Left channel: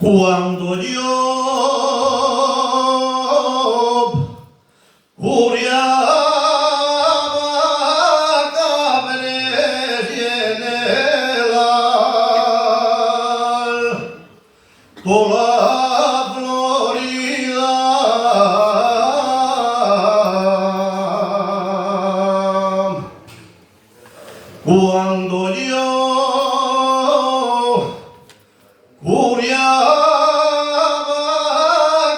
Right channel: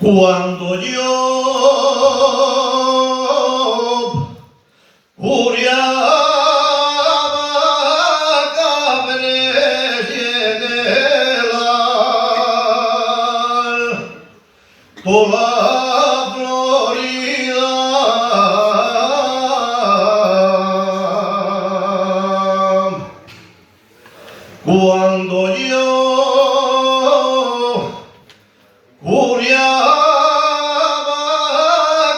Cuando yo curiaba cabres y en el toda Florida cuando yo curiaba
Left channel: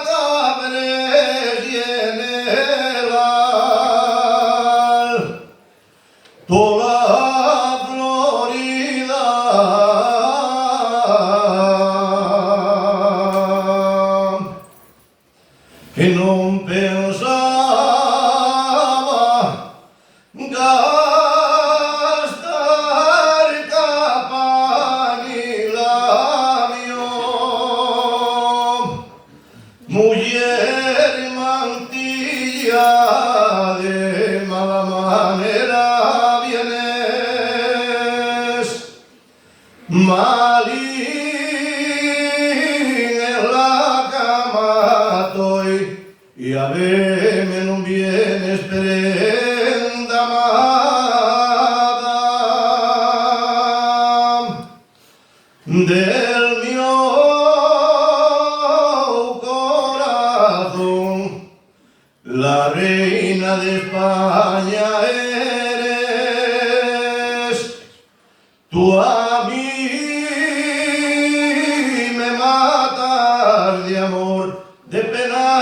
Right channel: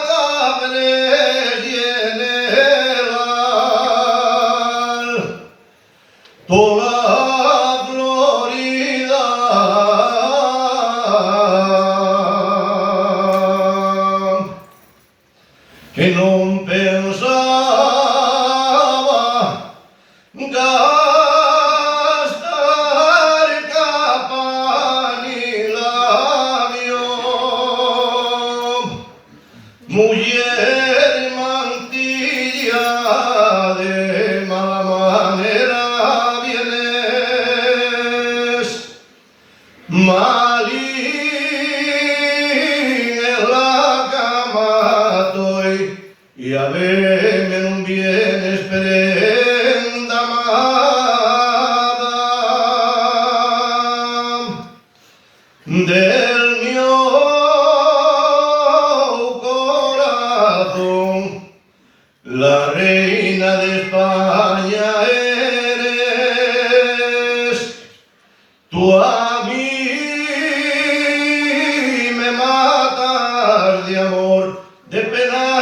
cabres y en el toda Florida que no pensaba gastar capa ni labio, mujer mantilla de mala manera vienes, malín en la cama estoy y a verme no vienes prenda amada del mío corazón, la reina de España eres, tú a mí me matas de amor, de pena